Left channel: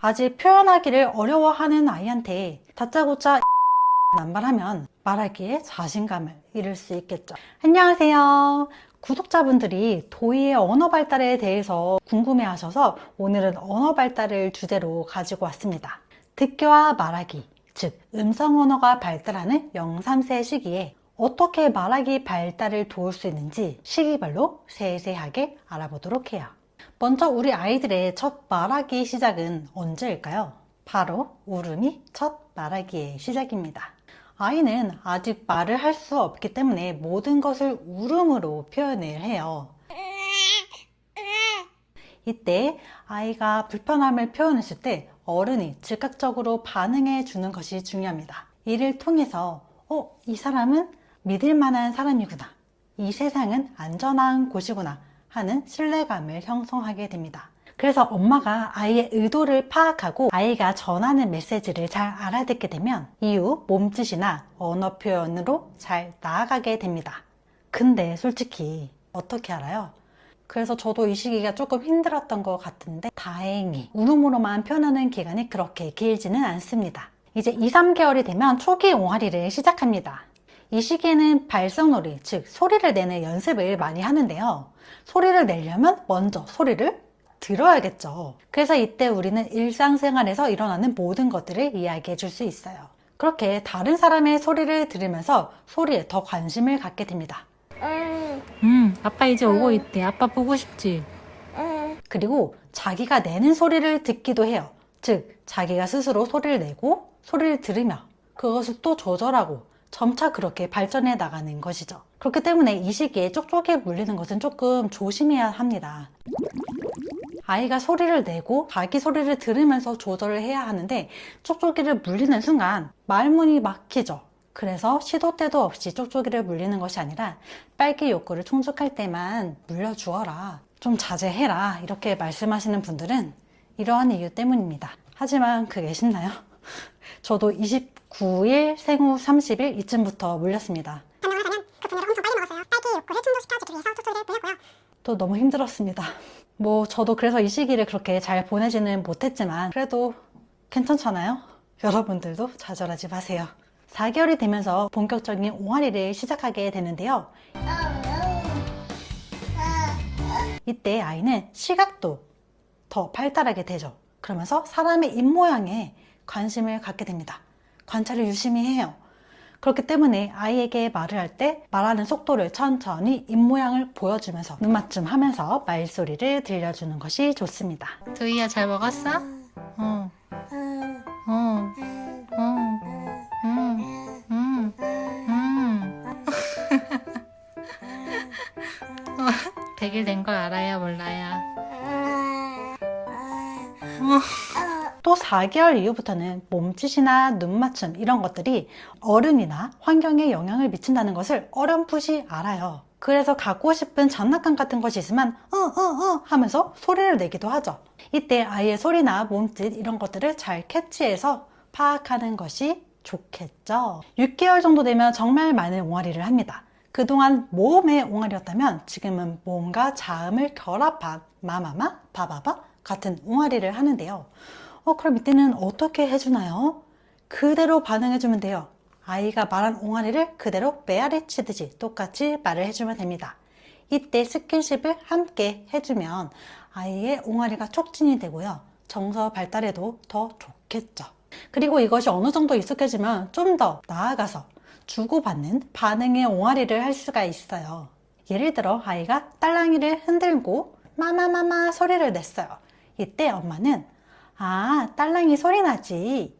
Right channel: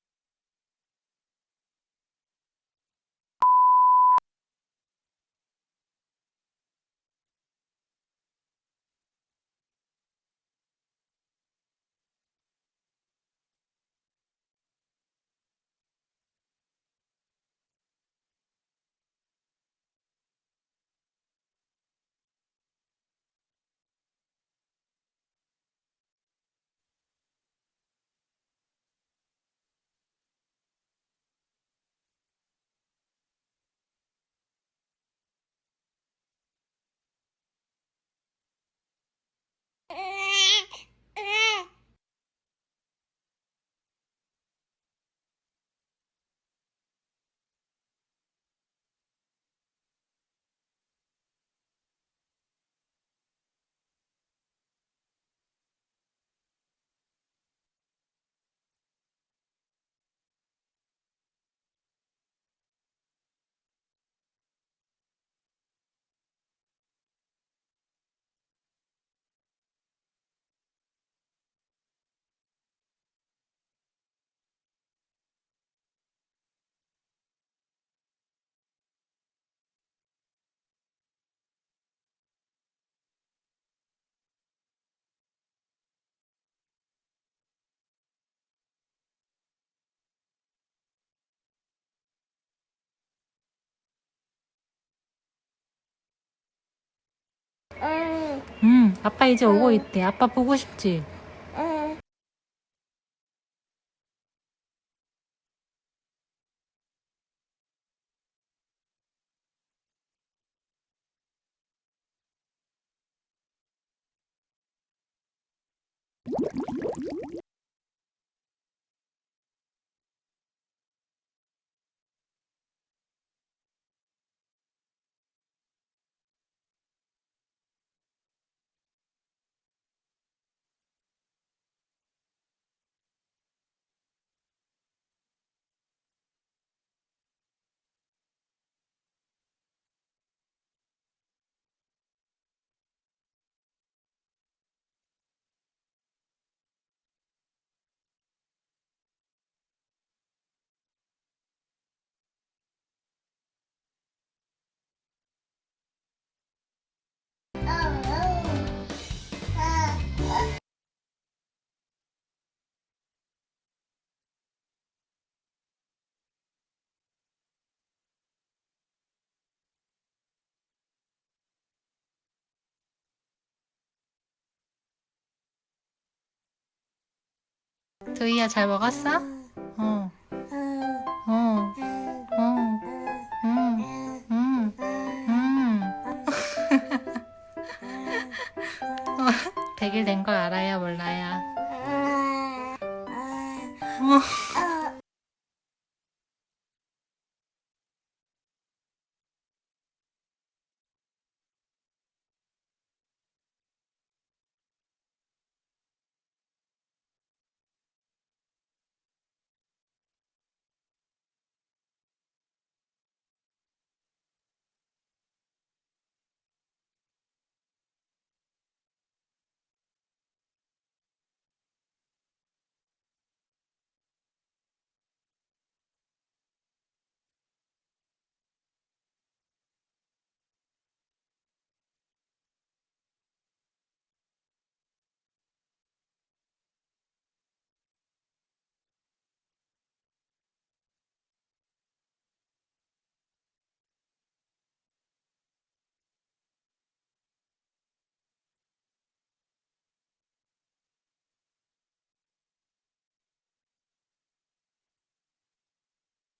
아직 표현하기를 어려워하는 아이한테 다짜고짜 남발하면 말하기에 자신감을 잃을 수 있겠죠. 안녕하세요. 구독자분들이 도희의 언어 발달에 대해서 궁금해 하셔서 오늘은 언어 발달을 주제로 가지고 왔습니다. 듣기와 말하기, 즉 음성 언어가 발달하는 0, 3세 시기에 어떻게 말하기 발달을 도울 수 있는지 시기별로 세세하게 알아보도록 해요. 먼저 우리 아이들의 첫 말하기 시작은 언제일까요? 바로 울음이 첫 말하기의 시작입니다. 아이는 아직 말을 할 수 없기 때문에 모든 것을 울음으로 표현을 해요. 이때 아이가 불편함을 표현했을 때 어른이 즉각적으로 반응해 주는 것이 중요합니다. 이를 통해서 이 사람은 믿을 만한 사람이구나, 이 세상은 안전한 곳이구나 하는 신뢰감을 형성하게 됩니다. 그래서 엄마가 아이의 의도를 파악하고 아이가 전하는 메시지를 잘 알아듣게 되면 이후 몸짓이나 언어 표현으로 잘 나아가게 됩니다. 근데 솔직히 어떻게 알아요? 그래서 저도 이 시기가 조금 힘들었던 것 같은데 다행히 울음으로만 표현하는 기간이 그렇게 길지는 않습니다. 이제 2, 3개월이 되면 초기 옹알이를 시작합니다. 이 시기에는 발성놀이, 즉 소리를 내는 연습을 많이 하는데요. 소리를 내려면 먼저 소리를 들어야겠죠. 그래서 이때 우리는 일상생활에서 일어나는 모든 것들을 이야기해 줄 수 있어요. 그렇게 다른 사람의 소리를 들으면서 소리에 더 관심을 갖게 됩니다. 아빠 이제 오고 있대. 아빠 보고 싶지? 그리고 자기가 내는 소리를 듣기도 해요. 즉 자기가 스스로 소리를 내고 소리를 들으며 그것을 또 조절하고 점차 그렇게 발전해 나가는 것이죠. 그렇기 때문에 이 시기에 쪽쪽이에 물리는 것은 조금 조심해야 합니다. 아이가 소리를 내고 자기 소리를 들으면서 조절을 해야 하는데 쪽쪽이를 물리는 순간 말문이 막히죠. 그래서 시도 때도 없이 쪽쪽이를 물리는 것이 아니라 빨기 욕구를 충족할 때만 물려주어라, 좀 자제해라 이렇게 말씀하시는 분들은 이러한 이유 때문입니다. 하지만 그게 쉽나요? 저도 29일, 생후 30일 이쯤부터 물렸습니다. 변명을 하자면 그 분유를 엄청 빨리 먹었어요. 딸기 욕구를 충족시켜주기 위해서 쪽쪽이를 물렸고요. 또 너무 힘들었습니다. 저도 그래서 이 시기를 그렇게 잘 보내지는 못했지만 그래도 괜찮잖아요? 여러분들도 좌절하지 마세요. 4개월이 되면서 본격적인 옹알이를 시작하게 되는데요. 이때 아이는 시각도 더 발달하게 되죠. 그러면서 사람의 입모양에 관심을 갖게 됩니다. 관찰을 유심히 해요. 그렇기 때문에 아이에게 말을 할 때 말하는 속도를 천천히 입모양을 보여주면서 눈맞춤 하면서 말소리를 들려주는 것이 좋습니다. 도희야 잘 먹었어? 응. 응. 응. 응. 응. 응. 100일 된 걸 알아요, 몰라요? 또 4개월 이후부터는 몸짓이나 눈맞춤 이런 것들이 어른이나 환경에 영향을 미친다는 것을 어렴풋이 알아요. 그래서 갖고 싶은 장난감 같은 것이 있으면 하면서 소리를 내기도 하죠. 이때 아이의 소리나 몸짓 이런 것들을 잘 캐치해서 파악하는 것이 좋겠죠. 6개월 정도 되면 정말 많은 옹알이를 합니다. 그동안 모음의 옹알이였다면 지금은 모음과 자음을 결합한 마마마, 바바바 같은 옹알이를 하는데요. 그럼 이때는 어떻게 해주나요? 그대로 반응해주면 돼요. 아이가 말한 옹알이를 그대로 메아리 치듯이 똑같이 말을 해주면 됩니다. 이때 스킨십을 함께 해주면 아이의 옹알이가 촉진이 되고요. 정서 발달에도 더 좋겠죠. 그리고 이것이 어느 정도 익숙해지면 좀 더 나아가서 주고받는 반응의 옹알이를 할 수가 있어요. 예를 들어 아이가 딸랑이를 흔들고 마마마마 소리를 냈어요. 이때 엄마는 딸랑이 소리 나지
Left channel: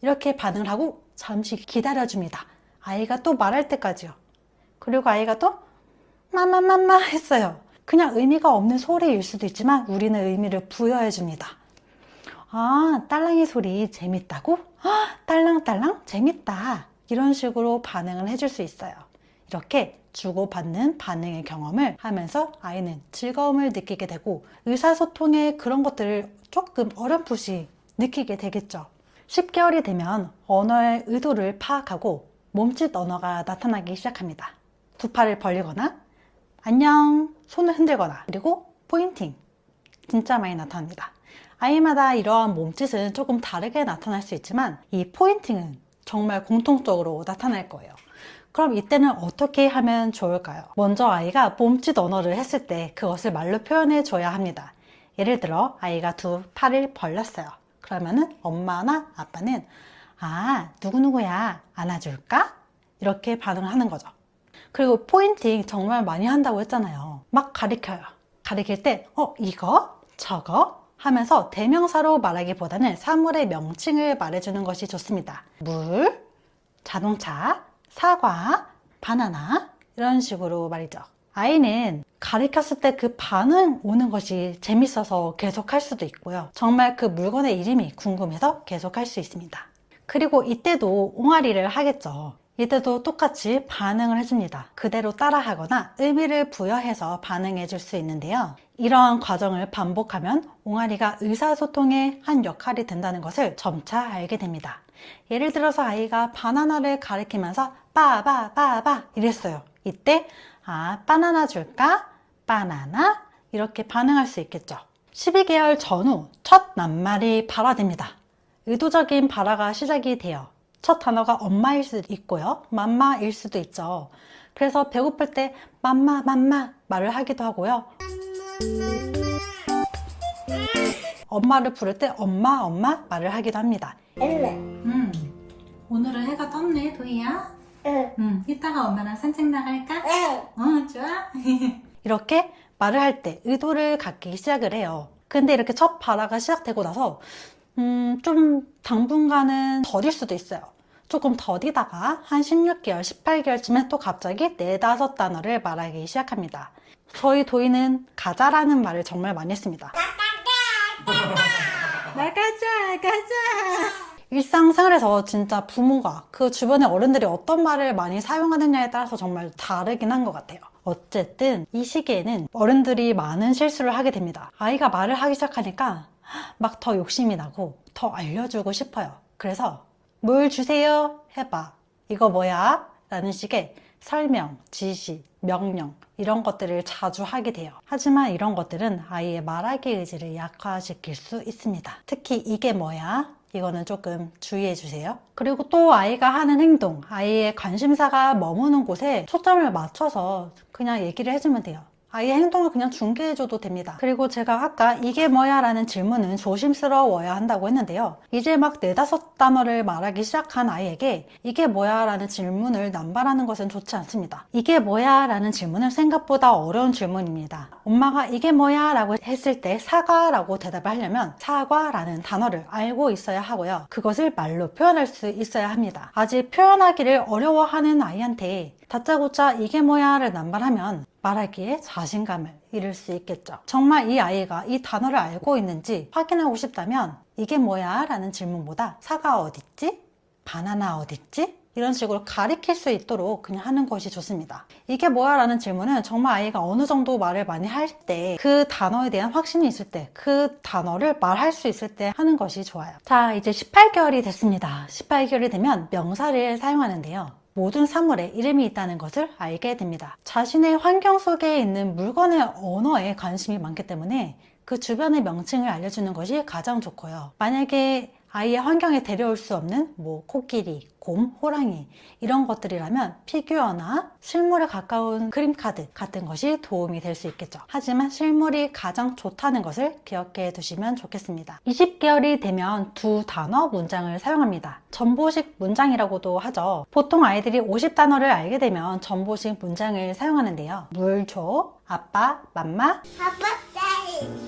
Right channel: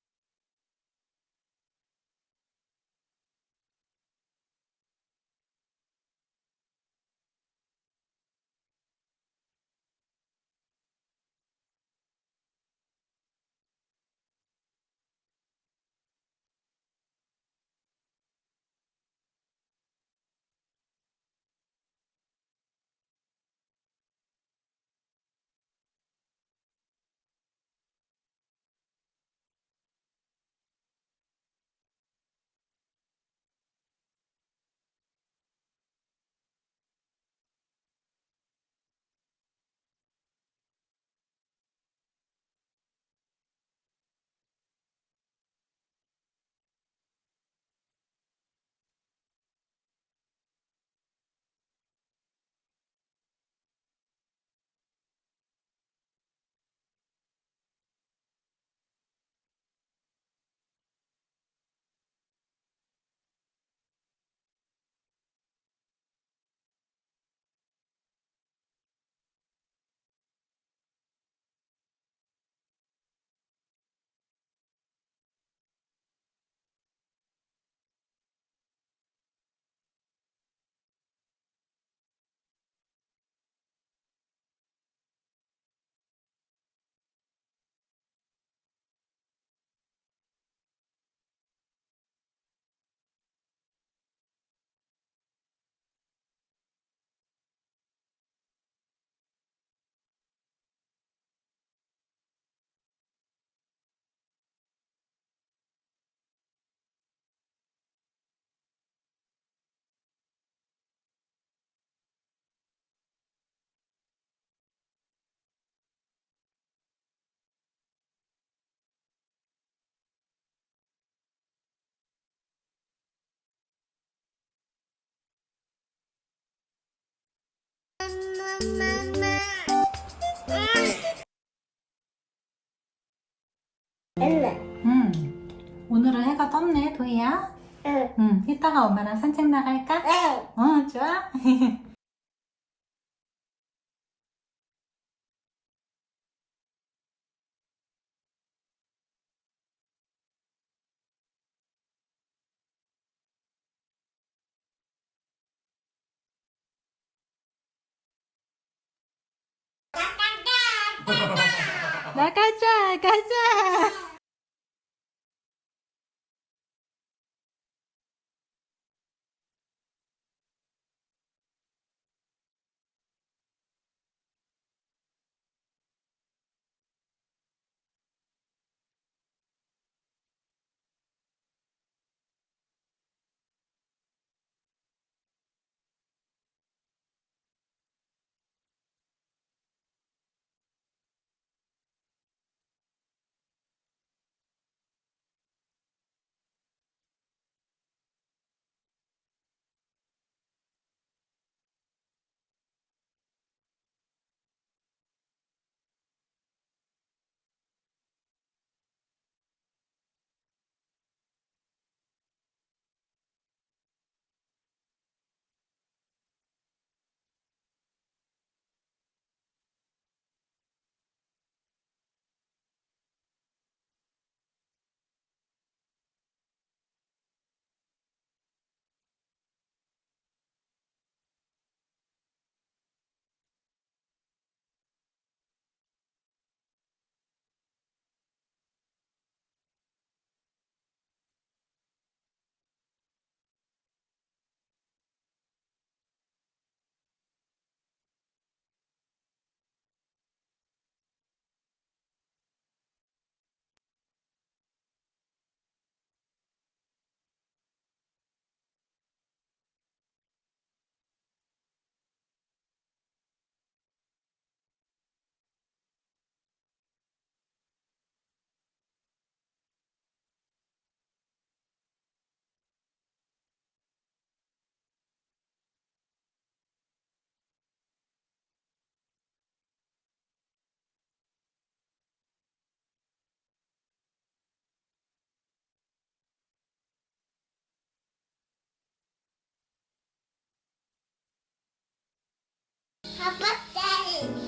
이렇게 반응을 하고 잠시 기다려줍니다. 아이가 또 말할 때까지요. 그리고 아이가 또 마마마마 했어요. 그냥 의미가 없는 소리일 수도 있지만 우리는 의미를 부여해 줍니다. 딸랑이 소리 재밌다고? 딸랑딸랑 재밌다. 이런 식으로 반응을 해줄 수 있어요. 이렇게 주고받는 반응의 경험을 하면서 아이는 즐거움을 느끼게 되고 의사소통의 그런 것들을 조금 어렴풋이 느끼게 되겠죠. 10개월이 되면 언어의 의도를 파악하고 몸짓 언어가 나타나기 시작합니다. 두 팔을 벌리거나 안녕 손을 흔들거나 그리고 포인팅 진짜 많이 나타납니다. 아이마다 이러한 몸짓은 조금 다르게 나타날 수 있지만 이 포인팅은 정말 공통적으로 나타날 거예요. 그럼 이때는 어떻게 하면 좋을까요? 먼저 아이가 몸짓 언어를 했을 때 그것을 말로 표현해 줘야 합니다. 예를 들어 아이가 두 팔을 벌렸어요. 그러면은 엄마나 아빠는 누구누구야 안아줄까? 이렇게 반응을 하는 거죠. 그리고 포인팅 정말 많이 한다고 했잖아요. 막 가리켜요. 가리킬 때 이거? 저거? 하면서 대명사로 말하기보다는 사물의 명칭을 말해주는 것이 좋습니다. 물, 자동차, 사과, 바나나 이런 식으로 말이죠. 아이는 가리켰을 때 그 반응 오는 것이 재밌어서 계속할 수도 있고요. 정말 그 물건의 이름이 궁금해서 계속할 수 있습니다. 그리고 이때도 옹알이를 하겠죠. 이때도 똑같이 반응을 해줍니다. 그대로 따라하거나 의미를 부여해서 반응해 줄 수 있는데요. 이러한 과정을 반복하면 옹알이가 의사소통의 한 역할이 된다는 것을 점차 알게 됩니다. 예를 들어서 아이가 바나나를 가리키면서 빠바바바 이랬어요. 이때 바나나 줄까? 바나나? 이렇게 반응할 수 있겠죠. 12개월 전후 첫 낱말이 발화됩니다. 의도적인 발화가 시작이 돼요. 첫 단어가 엄마일 수도 있고요. 맘마일 수도 있죠. 그래서 배고플 때 맘마 말을 하기도 하고요. 엄마를 부를 때 엄마 말을 하기도 합니다. 오늘은 해가 떴네, 도희야. 이따가 엄마랑 산책 나갈까? 좋아. 이렇게 말을 할 때 의도를 갖기 시작을 해요. 근데 이렇게 첫 발화가 시작되고 나서 좀 당분간은 더딜 수도 있어요. 조금 더디다가 한 16개월, 18개월쯤에 또 갑자기 4, 5단어를 말하기 시작합니다. 저희 도희는 가자라는 말을 정말 많이 했습니다. 나가자. 일상생활에서 진짜 부모가 그 주변의 어른들이 어떤 말을 많이 사용하느냐에 따라서 정말 다르긴 한 것 같아요. 어쨌든 이 시기에는 어른들이 많은 실수를 하게 됩니다. 아이가 말을 하기 시작하니까 막 더 욕심이 나고 더 알려주고 싶어요. 그래서 뭘 주세요? 해봐. 이거 뭐야? 라는 식의 설명, 지시, 명령 이런 것들을 자주 하게 돼요. 하지만 이런 것들은 아이의 말하기 의지를 약화시킬 수 있습니다. 특히 이게 뭐야? 이거는 조금 주의해 주세요. 그리고 또 아이가 하는 행동, 아이의 관심사가 머무는 곳에 초점을 맞춰서 그냥 얘기를 해주면 돼요. 아이의 행동을 그냥 중계해줘도 됩니다. 그리고 제가 아까 이게 뭐야 라는 질문은 조심스러워야 한다고 했는데요. 이제 막 4, 5단어를 말하기 시작한 아이에게 이게 뭐야 라는 질문을 남발하는 것은 좋지 않습니다. 이게 뭐야 라는 질문은 생각보다 어려운 질문입니다. 엄마가 이게 뭐야 라고 했을 때 사과라고 대답을 하려면 사과라는 단어를 알고 있어야 하고요. 그것을 말로 표현할 수 있어야 합니다. 아직 표현하기를 어려워하는 아이한테 다짜고짜 이게 뭐야를 남발하면 말하기에 자신감을 잃을 수 있겠죠. 정말 이 아이가 이 단어를 알고 있는지 확인하고 싶다면 이게 뭐야? 라는 질문보다 사과 어딨지? 바나나 어딨지? 이런 식으로 가리킬 수 있도록 그냥 하는 것이 좋습니다. 이게 뭐야? 라는 질문은 정말 아이가 어느 정도 말을 많이 할 때 그 단어에 대한 확신이 있을 때 그 단어를 말할 수 있을 때 하는 것이 좋아요. 자, 이제 18개월이 됐습니다. 18개월이 되면 명사를 사용하는데요. 모든 사물에 이름이 있다는 것을 알게 됩니다. 자신의 환경 속에 있는 물건의 언어에 관심이 많기 때문에 그 주변의 명칭을 알려주는 것이 가장 좋고요. 만약에 아이의 환경에 데려올 수 없는 코끼리, 곰, 호랑이 이런 것들이라면 피규어나 실물에 가까운 그림카드 같은 것이 도움이 될 수 있겠죠. 하지만 실물이 가장 좋다는 것을 기억해 두시면 좋겠습니다. 20개월이 되면 두 단어 문장을 사용합니다. 전보식 문장이라고도 하죠. 보통 아이들이 50단어를 알게 되면 전보식 문장을 사용하는데요. 물 줘, 아빠, 맘마,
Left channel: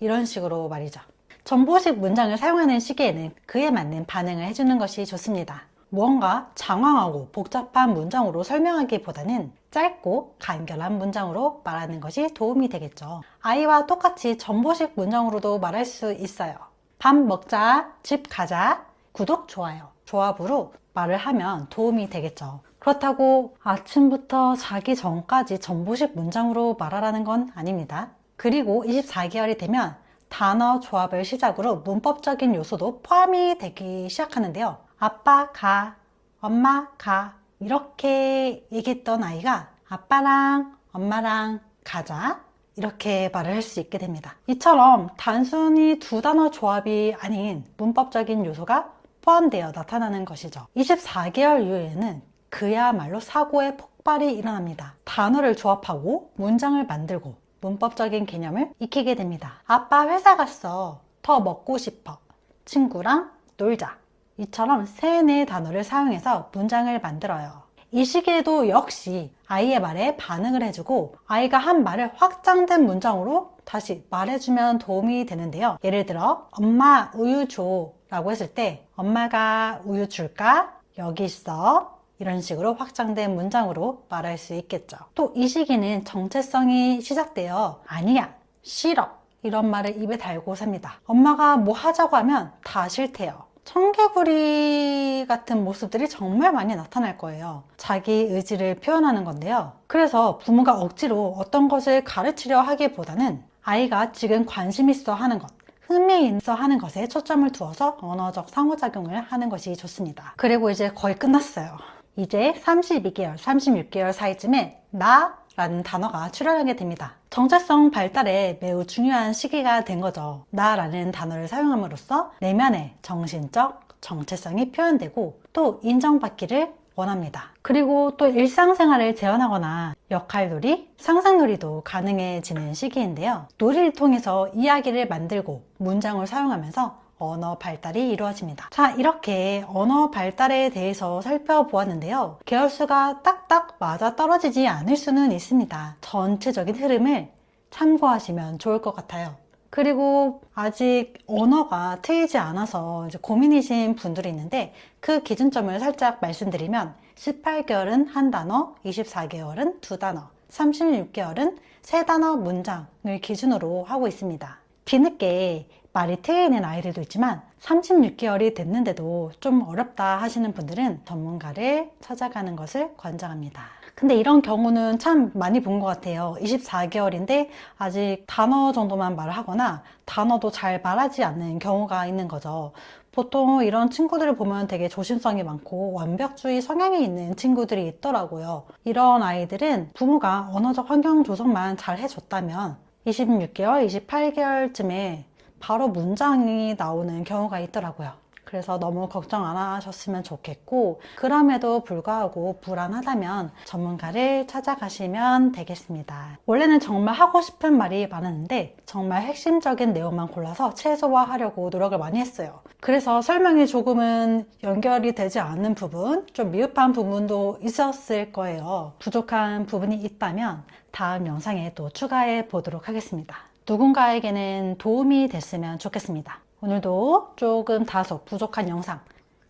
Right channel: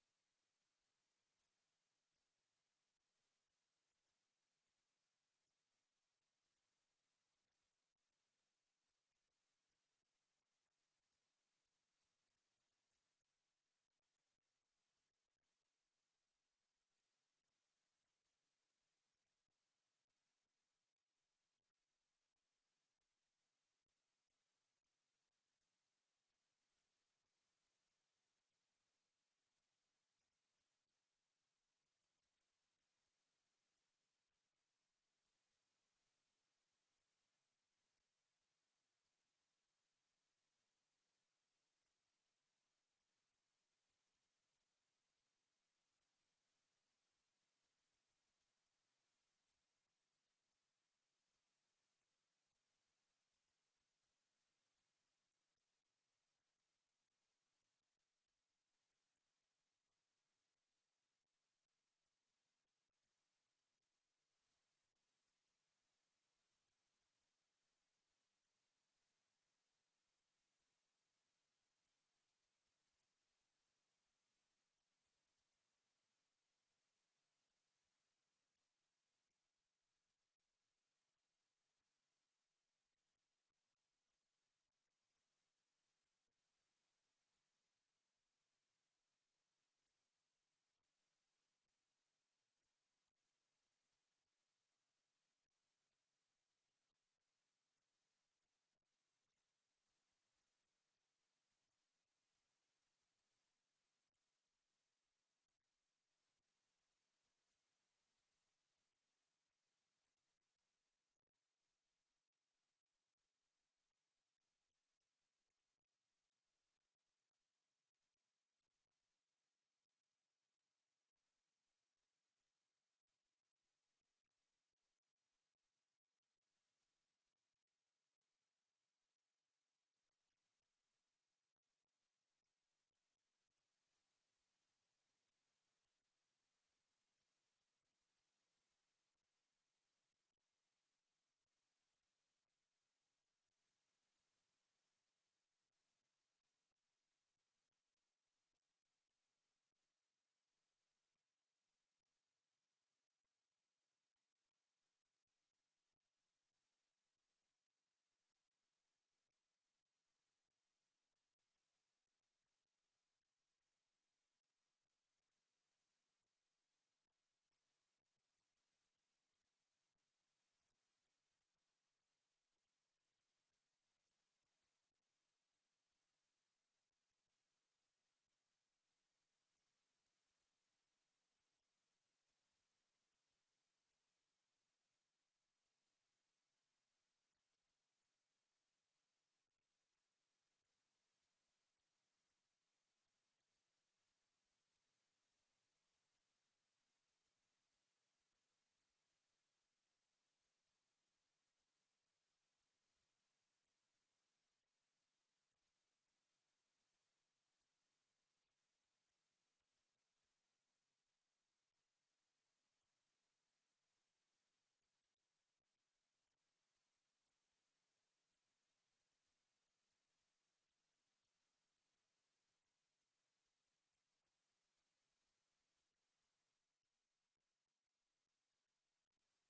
이런 식으로 말이죠. 전보식 문장을 사용하는 시기에는 그에 맞는 반응을 해주는 것이 좋습니다. 무언가 장황하고 복잡한 문장으로 설명하기보다는 짧고 간결한 문장으로 말하는 것이 도움이 되겠죠. 아이와 똑같이 전보식 문장으로도 말할 수 있어요. 밥 먹자, 집 가자, 구독, 좋아요. 조합으로 말을 하면 도움이 되겠죠. 그렇다고 아침부터 자기 전까지 전보식 문장으로 말하라는 건 아닙니다. 그리고 24개월이 되면 단어 조합을 시작으로 문법적인 요소도 포함이 되기 시작하는데요. 아빠 가, 엄마 가 이렇게 얘기했던 아이가 아빠랑 엄마랑 가자 이렇게 말을 할 수 있게 됩니다. 이처럼 단순히 두 단어 조합이 아닌 문법적인 요소가 포함되어 나타나는 것이죠. 24개월 이후에는 그야말로 사고의 폭발이 일어납니다. 단어를 조합하고 문장을 만들고 문법적인 개념을 익히게 됩니다. 아빠 회사 갔어. 더 먹고 싶어. 친구랑 놀자. 이처럼 3, 4 단어를 사용해서 문장을 만들어요. 이 시기에도 역시 아이의 말에 반응을 해주고 아이가 한 말을 확장된 문장으로 다시 말해주면 도움이 되는데요. 예를 들어 엄마 우유 줘 라고 했을 때 엄마가 우유 줄까? 여기 있어. 이런 식으로 확장된 문장으로 말할 수 있겠죠. 또 이 시기는 정체성이 시작되어 아니야, 싫어 이런 말을 입에 달고 삽니다. 엄마가 뭐 하자고 하면 다 싫대요. 청개구리 같은 모습들이 정말 많이 나타날 거예요. 자기 의지를 표현하는 건데요. 그래서 부모가 억지로 어떤 것을 가르치려 하기보다는 아이가 지금 관심 있어 하는 것, 흥미있어 하는 것에 초점을 두어서 언어적 상호작용을 하는 것이 좋습니다. 그리고 이제 거의 끝났어요. 이제 32개월, 36개월 사이쯤에 나라는 단어가 출현하게 됩니다. 정체성 발달에 매우 중요한 시기가 된 거죠. 나라는 단어를 사용함으로써 내면의 정신적 정체성이 표현되고 또 인정받기를 원합니다. 그리고 또 일상생활을 재현하거나 역할놀이, 상상놀이도 가능해지는 시기인데요. 놀이를 통해서 이야기를 만들고 문장을 사용하면서 언어 발달이 이루어집니다. 자, 이렇게 언어 발달에 대해서 살펴보았는데요. 계열수가 딱딱 맞아 떨어지지 않을 수는 있습니다. 전체적인 흐름을 참고하시면 좋을 것 같아요. 그리고 아직 언어가 트이지 않아서 이제 고민이신 분들이 있는데 그 기준점을 살짝 말씀드리면 18개월은 한 단어, 24개월은 두 단어, 36개월은 세 단어 문장을 기준으로 하고 있습니다. 뒤늦게 말이 트이는 아이들도 있지만 36개월이 됐는데도 좀 어렵다 하시는 분들은 전문가를 찾아가는 것을 권장합니다. 근데 이런 경우는 참 많이 본 것 같아요. 24개월인데 아직 단어 정도만 말을 하거나 단어도 잘 말하지 않는 경우가 있는 거죠. 보통 이런 친구들을 보면 되게 조심성이 많고 완벽주의 성향이 있는 친구들이 있더라고요. 이런 아이들은 부모가 언어적 환경 조성만 잘 해줬다면 26개월, 28개월쯤에 바로 문장이 나오는 경우가 있더라고요. 그래서 너무 걱정 안 하셨으면 좋겠고 그럼에도 불구하고 불안하다면 전문가를 찾아가시면 되겠습니다. 원래는 정말 하고 싶은 말이 많았는데 정말 핵심적인 내용만 골라서 최소화하려고 노력을 많이 했어요. 그래서 설명이 조금은 연결이 되지 않는 부분, 좀 미흡한 부분도 있었을 거예요. 부족한 부분이 있다면 다음 영상에 또 추가해 보도록 하겠습니다. 누군가에게는 도움이 됐으면 좋겠습니다. 오늘도 조금 다소 부족한 영상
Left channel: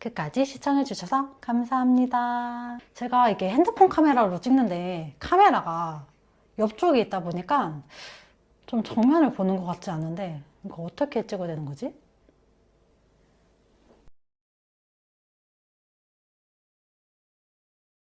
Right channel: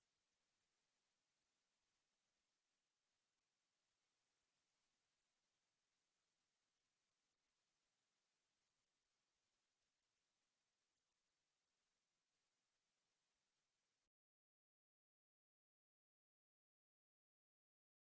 끝까지 시청해 주셔서 감사합니다. 제가 이게 핸드폰 카메라로 찍는데 카메라가 옆쪽에 있다 보니까 좀 정면을 보는 것 같지 않은데 이거 어떻게 찍어야 되는 거지?